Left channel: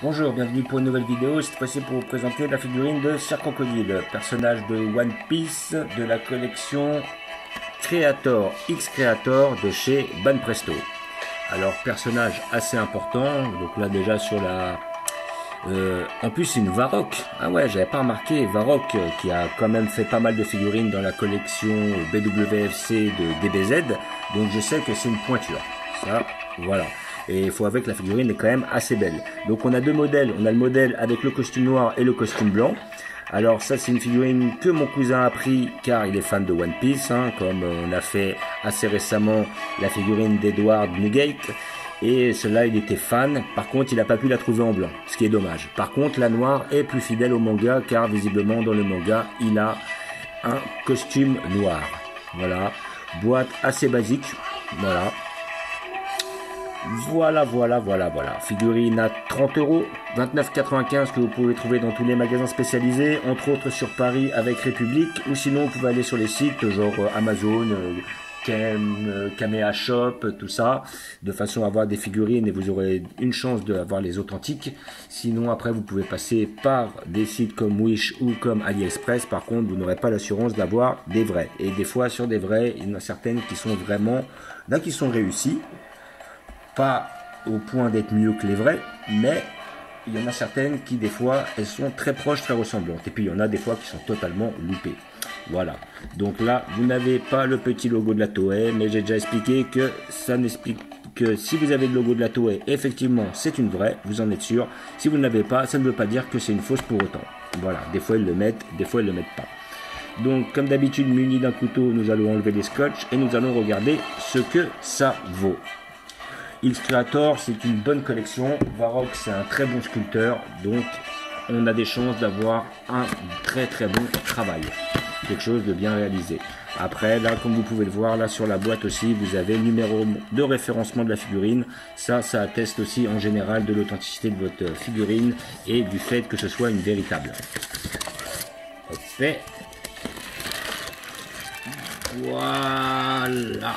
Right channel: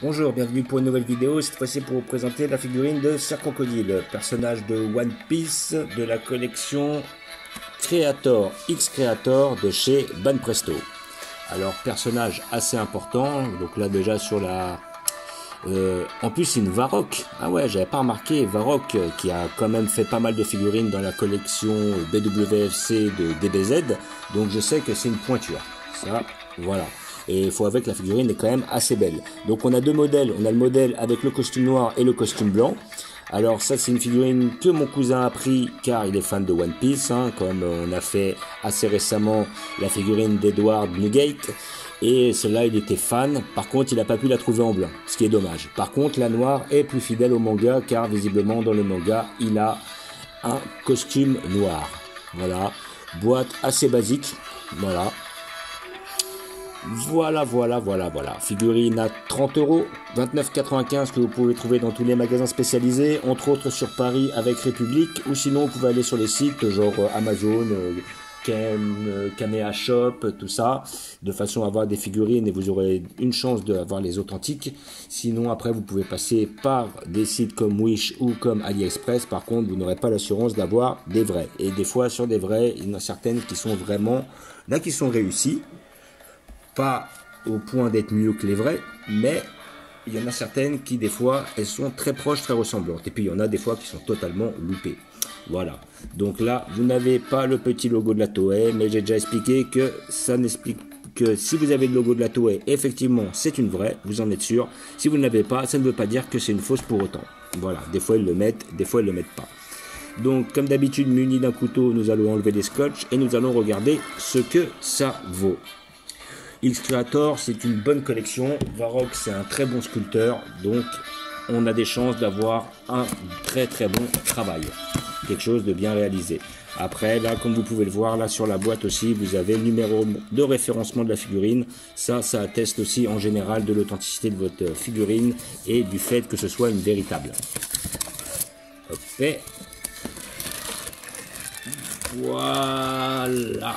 Bonjour, bienvenue pour une nouvelle vidéo, cette fois-ci pour vous présenter la figurine de Sir Crocodile, personnage de One Piece de la collection Creator X Creator de chez Banpresto. Alors personnage assez important, donc là déjà sur la... en plus c'est une Varrock, ah ouais j'avais pas remarqué, Varrock qui a quand même fait pas mal de figurines dans la collection BWFC de DBZ, donc je sais que c'est une pointure, ça voilà. Et il faut avouer que la figurine est quand même assez belle. Donc on a deux modèles, on a le modèle avec le costume noir et le costume blanc. Alors ça c'est une figurine que mon cousin a pris car il est fan de One Piece, hein, comme on a fait assez récemment la figurine d'Edward Newgate. Et celle-là il était fan, par contre il n'a pas pu la trouver en blanc, ce qui est dommage. Par contre la noire est plus fidèle au manga car visiblement dans le manga il a un costume noir. Voilà, boîte assez basique, voilà. Voilà. Figurine à 30 €, 29,95 que vous pouvez trouver dans tous les magasins spécialisés, entre autres sur Paris avec République, ou sinon vous pouvez aller sur les sites genre Amazon, Kamea Shop, tout ça, de façon à avoir des figurines et vous aurez une chance d'avoir les authentiques. Sinon après vous pouvez passer par des sites comme Wish ou comme AliExpress, par contre vous n'aurez pas l'assurance d'avoir des vrais. Et des fois sur des vrais, il y en a certaines qui sont vraiment, là qui sont réussies. Pas au point d'être mieux que les vrais, mais il y en a certaines qui des fois elles sont très proches, très ressemblantes, et puis il y en a des fois qui sont totalement loupées. Voilà, donc là vous n'avez pas le petit logo de la Toei, mais j'ai déjà expliqué que ça n'explique que si vous avez le logo de la Toei, effectivement c'est une vraie, vous en êtes sûr. Si vous ne l'avez pas, ça ne veut pas dire que c'est une fausse pour autant. Voilà, des fois ils le mettent, des fois ils le mettent pas. Donc comme d'habitude, muni d'un couteau, nous allons enlever les scotch et nous allons regarder ce que ça vaut. X Creator, c'est une bonne collection. Varrock, c'est un très bon sculpteur. Donc, on a des chances d'avoir un très bon travail. Quelque chose de bien réalisé. Après, là, comme vous pouvez le voir, là sur la boîte aussi, vous avez le numéro de référencement de la figurine. Ça atteste aussi en général de l'authenticité de votre figurine et du fait que ce soit une véritable. Hop. Voilà.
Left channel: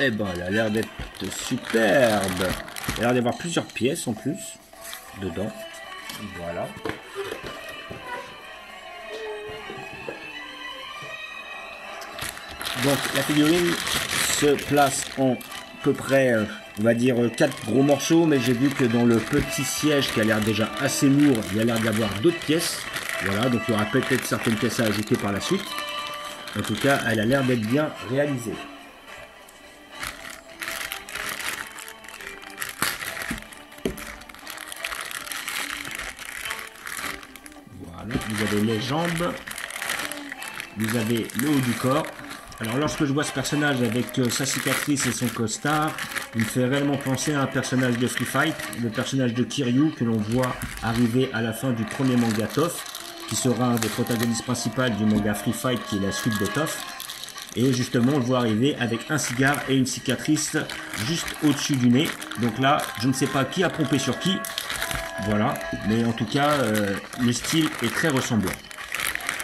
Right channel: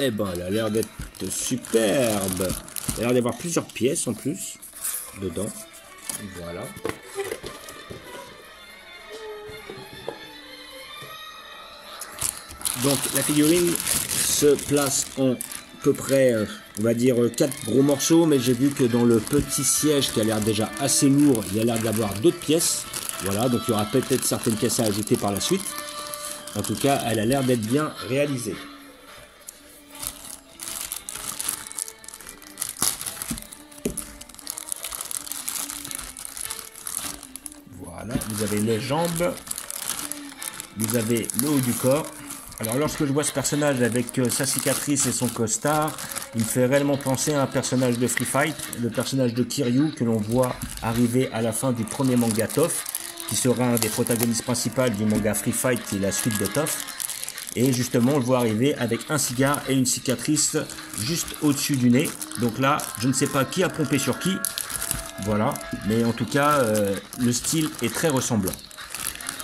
Eh ben, elle a l'air d'être superbe. Il a l'air d'avoir plusieurs pièces en plus dedans. Voilà. Donc la figurine se place en à peu près, on va dire 4 gros morceaux, mais j'ai vu que dans le petit siège qui a l'air déjà assez lourd, il y a l'air d'avoir d'autres pièces. Voilà, donc il y aura peut-être certaines pièces à ajouter par la suite. En tout cas, elle a l'air d'être bien réalisée. Vous avez les jambes, vous avez le haut du corps. Alors lorsque je vois ce personnage avec sa cicatrice et son costard, il me fait réellement penser à un personnage de Free Fight, le personnage de Kiryu que l'on voit arriver à la fin du premier manga Toph, qui sera un des protagonistes principaux du manga Free Fight qui est la suite de Toph. Et justement on le voit arriver avec un cigare et une cicatrice juste au-dessus du nez. Donc là je ne sais pas qui a pompé sur qui. Voilà, mais en tout cas, le style est très ressemblant.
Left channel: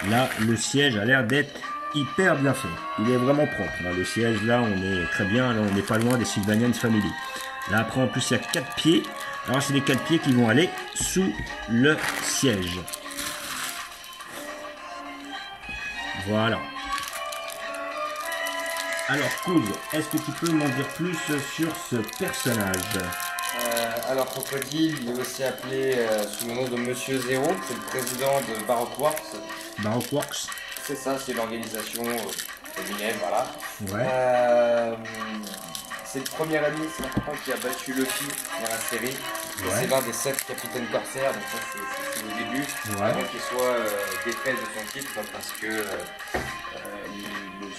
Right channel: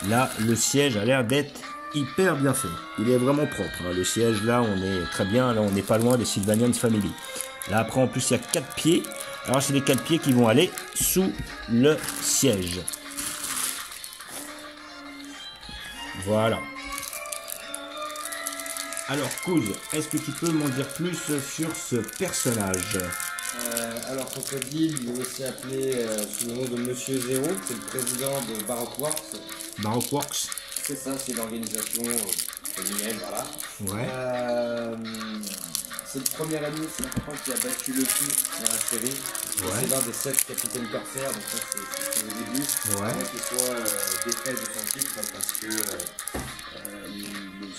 Là, le siège a l'air d'être hyper bien fait. Il est vraiment propre. Hein. Le siège, là, on est très bien. Là, on n'est pas loin des Sylvanian Family. Là, après, en plus, il y a 4 pieds. Alors, c'est les 4 pieds qui vont aller sous le siège. Voilà. Alors, Kouz, est-ce que tu peux m'en dire plus sur ce personnage ? Alors Crocodile, il est aussi appelé sous le nom de Monsieur Zero, c'est le président de Baroque Works. Baroque Works. C'est ça, c'est l'organisation féminine, voilà. Ouais. C'est le premier ami, c'est important, qui a battu Luffy dans la série. Ouais. C'est l'un des 7 capitaines corsaires, donc ça c'est au début. Ouais. Avant qu'il soit défait de son titre, parce que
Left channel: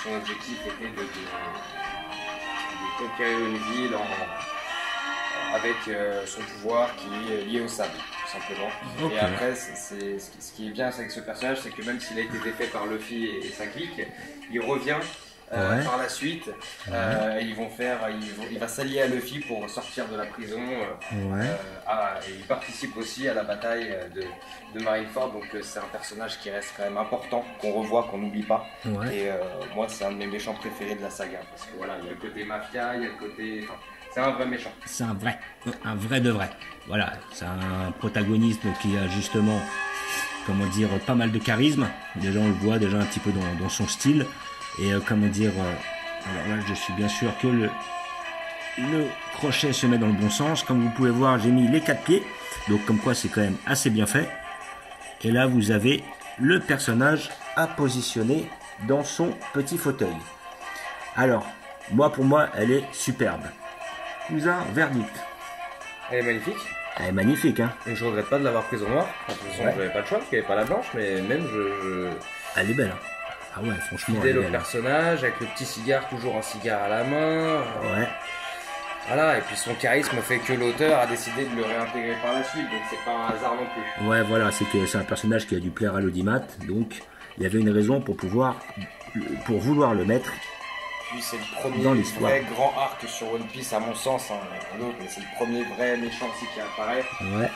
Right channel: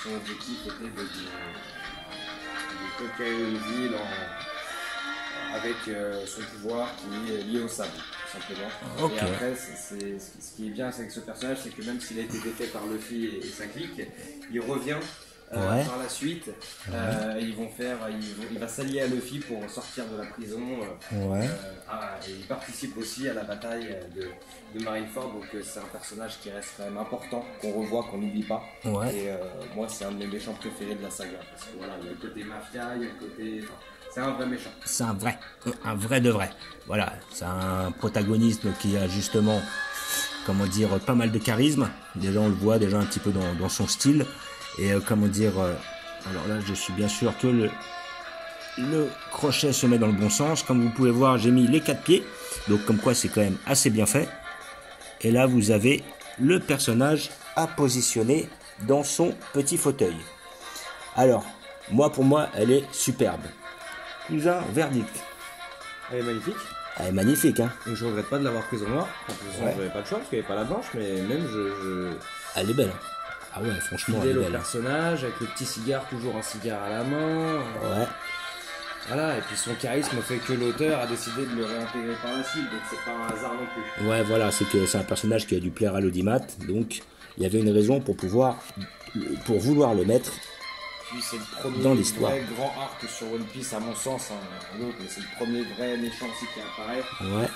son objectif était de conquérir une ville avec son pouvoir qui est lié au sable, tout simplement. Okay. Et après, ce qui est bien avec ce personnage, c'est que même s'il a été défait par Luffy et sa clique, il revient par la suite. Il va s'allier à Luffy pour sortir de la prison. Et il participe aussi à la bataille de Marineford, donc c'est un personnage qui reste quand même important, qu'on revoit, qu'on n'oublie pas. Ouais. Et moi, c'est un de mes méchants préférés de la saga, parce que voilà, il y a le côté mafia, il y a le côté... C'est un vrai méchant. C'est un vrai de vrai. Voilà, c'est un protagoniste qui a justement, comment dire, pas mal de charisme. Déjà, on le voit déjà un petit peu dans son style. Et comment dire, alors là, je suis bien sûr que le crochet se met dans le bon sens. Comme vous pouvez voir, j'ai mis les 4 pieds. Donc, comme quoi, c'est quand même assez bien fait. Et là, vous avez le personnage à positionner dans son petit fauteuil. Alors, pour moi, elle est superbe. Cousin, verdict. Elle est magnifique. Elle est magnifique, hein. Et je regrette pas de l'avoir prise en noir. De toute façon, j'avais pas le choix parce qu'il n'y avait pas la blanche, mais même Elle est belle, hein. Ah ouais, franchement. Fidèle au personnage, avec le petit cigare, toujours un cigare à la main. Ouais. Voilà, et puis son charisme fait que l'auteur a décidé de le réintégrer par la suite, donc c'est pas un hasard non plus. Ouais, voilà, c'est un personnage qui a dû plaire à l'audimat, donc il y avait une raison pour vouloir le mettre. Puis c'est le premier dans l'histoire. Vrai grand arc sur One Piece à mon sens, hein, mais c'est le premier vrai méchant aussi qui apparaît. Ouais.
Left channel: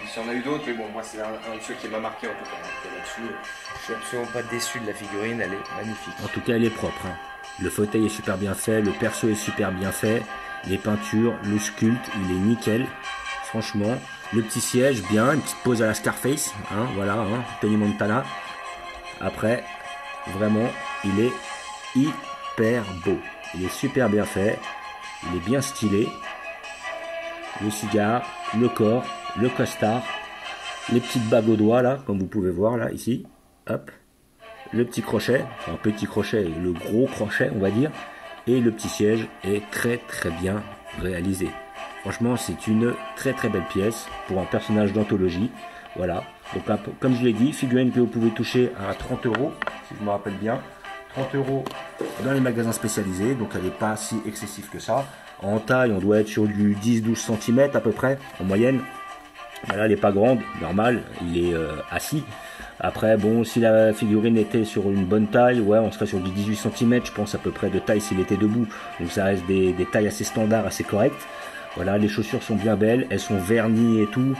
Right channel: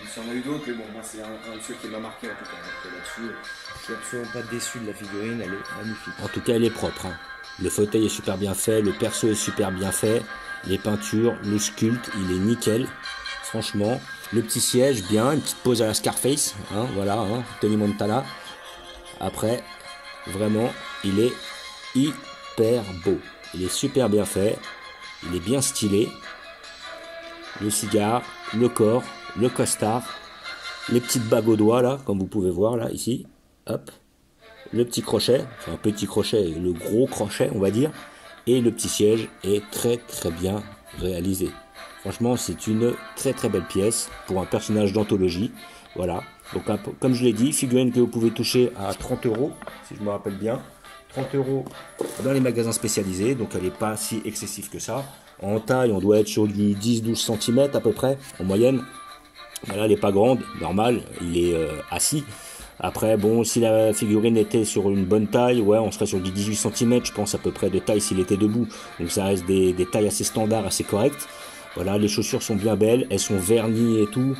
Il y en a eu d'autres, mais bon, moi c'est un de ceux qui m'a marqué en tout cas. Là-dessus, je suis absolument pas déçu de la figurine, elle est magnifique. En tout cas, elle est propre, hein. Le fauteuil est super bien fait, le perso est super bien fait, les peintures, le sculpte, il est nickel. Franchement, le petit siège, bien, une petite pose à la Scarface, hein, voilà, hein, Tony Montana. Après, vraiment, il est hyper beau. Il est super bien fait, il est bien stylé. Le cigare, le corps, le costard, les petites bagues aux doigts là, comme vous pouvez voir là, ici, hop. Le petit crochet, enfin petit crochet, le gros crochet on va dire, et le petit siège est très très bien réalisé. Franchement, c'est une très très belle pièce pour un personnage d'anthologie. Voilà, donc comme je l'ai dit, figurine que vous pouvez toucher à 30 €, si je me rappelle bien. 30 € dans les magasins spécialisés, donc elle n'est pas si excessive que ça. En taille, on doit être sur du 10-12 cm à peu près, en moyenne. Là, elle n'est pas grande, normal, il est assis. Après, bon, si la figurine était sur une bonne taille, ouais, on serait sur du 18 cm, je pense, à peu près de taille s'il était debout. Donc ça reste des tailles assez standards, assez correctes. Voilà, les chaussures sont bien belles, elles sont vernies et tout.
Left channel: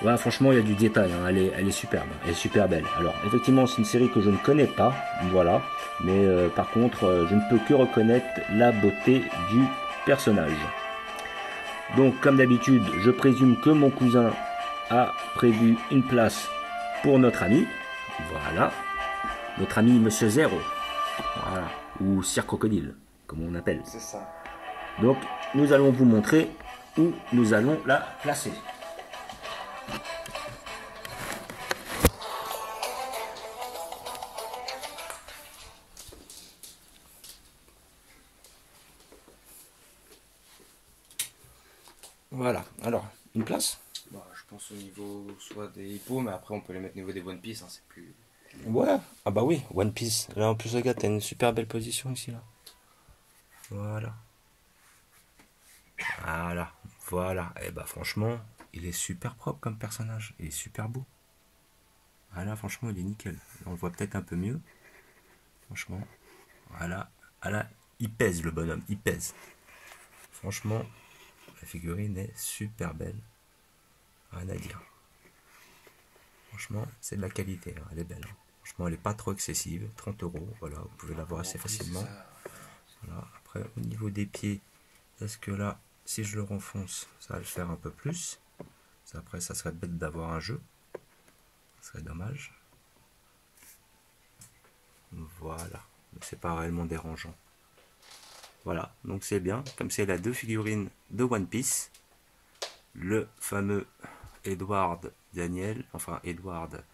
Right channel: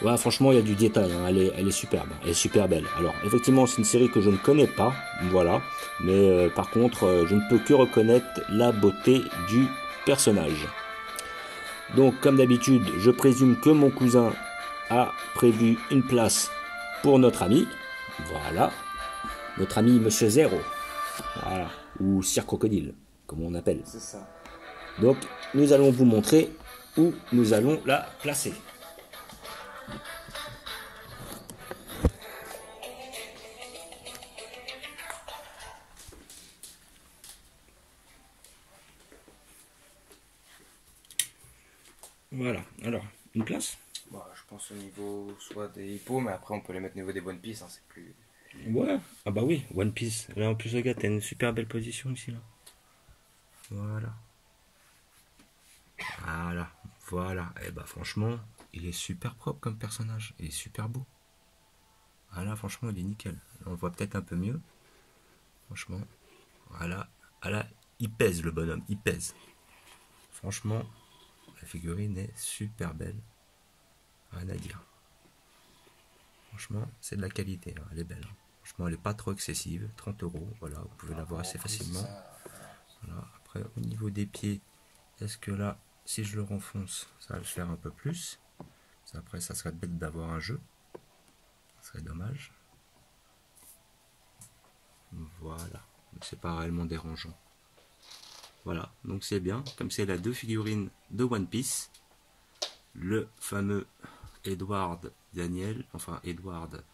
Ouais, franchement, il y a du détail, hein. Elle est superbe, elle est super belle. Alors, effectivement, c'est une série que je ne connais pas, voilà. Mais par contre, je ne peux que reconnaître la beauté du personnage. Donc, comme d'habitude, je présume que mon cousin a prévu une place pour notre ami, voilà, notre ami Monsieur Zéro, voilà, ou Sir Crocodile, comme on appelle. C'est ça. Donc, nous allons vous montrer où nous allons la placer. Voilà, alors, une place? Bah, je pense au niveau soit des hippos, mais après on peut les mettre au niveau des One Piece, hein, c'est plus... Ouais, ah bah oui, One Piece. Là en plus, regarde, t'as une super belle position ici, là. Voilà. Voilà. Et bah franchement, il est super propre comme personnage. Il est super beau. Voilà, franchement, il est nickel. Là, on le voit peut-être un peu mieux. Franchement, voilà. Il pèse le bonhomme, il pèse. Franchement, la figurine est super belle. Rien à dire. Franchement, c'est de la qualité, hein. Elle est belle, hein. Franchement, elle n'est pas trop excessive. 30 €, voilà, vous pouvez l'avoir assez facilement. Voilà. Après, au niveau des pieds, est-ce que là, si je le renfonce, ça va le faire un peu plus? Après, ça serait bête d'avoir un jeu. Ça serait dommage. Voilà. C'est pas réellement dérangeant. Voilà, donc c'est bien. Comme c'est la 2 figurines de One Piece, le fameux Edward Daniel, enfin Edward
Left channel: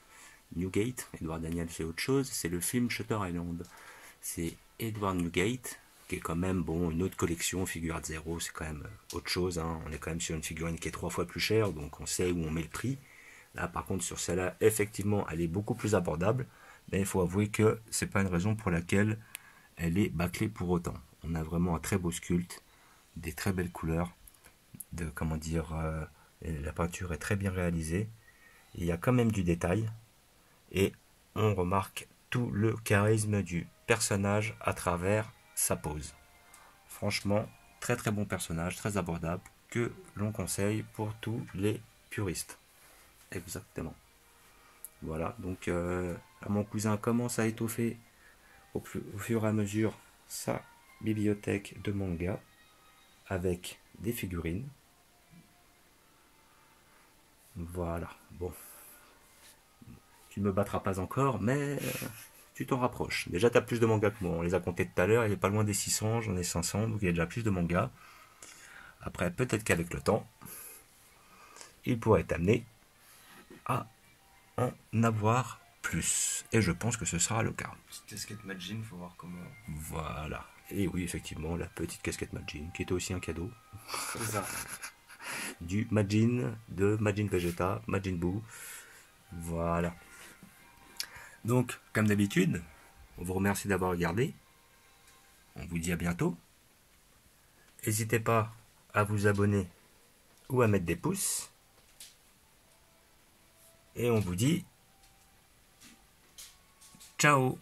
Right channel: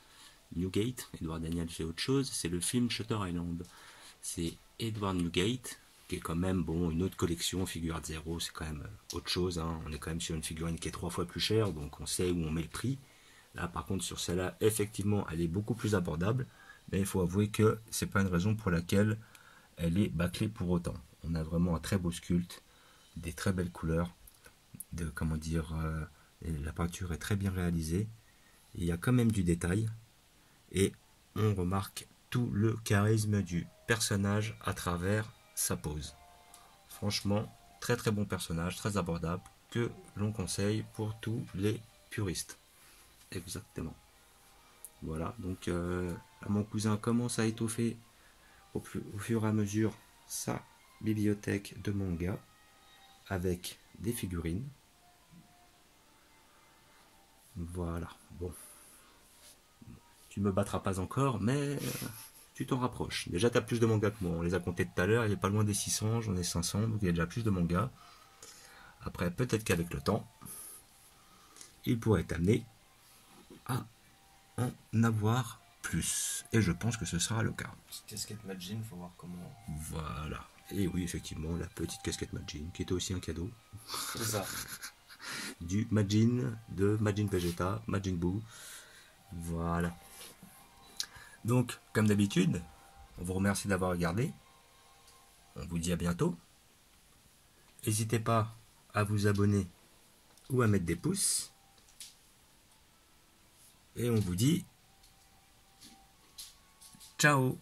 Newgate. Edward Daniel c'est autre chose, c'est le film Shutter Island. C'est Edward Newgate, qui est quand même, bon, une autre collection, figure zéro, c'est quand même autre chose, hein. On est quand même sur une figurine qui est 3 fois plus chère, donc on sait où on met le prix. Là par contre sur celle-là, effectivement, elle est beaucoup plus abordable, mais il faut avouer que c'est pas une raison pour laquelle elle est bâclée pour autant. On a vraiment un très beau sculpte, des très belles couleurs, comment dire, la peinture est très bien réalisée, il y a quand même du détail, et on remarque tout le charisme du personnage à travers sa pose. Franchement, très très bon personnage, très abordable, que l'on conseille pour tous les puristes. Exactement. Voilà, donc là, mon cousin commence à étoffer au fur et à mesure sa bibliothèque de manga. avec des figurines. Voilà, bon. Tu me battras pas encore, mais tu t'en rapproches. Déjà, tu as plus de mangas que moi. On les a comptés tout à l'heure, il est pas loin des 600, j'en ai 500, donc il y a déjà plus de mangas. Après, peut-être qu'avec le temps, il pourrait t'amener à en avoir plus. Et je pense que ce sera le cas. Petite casquette Majin, faut voir comment. Voilà. Et oui, effectivement, la petite casquette Majin, qui était aussi un cadeau. C'est ça. Du Majin, de Majin Vegeta, Majin Buu. Voilà. Donc, comme d'habitude, on vous remercie d'avoir regardé. On vous dit à bientôt. N'hésitez pas à vous abonner ou à mettre des pouces. Et on vous dit ciao.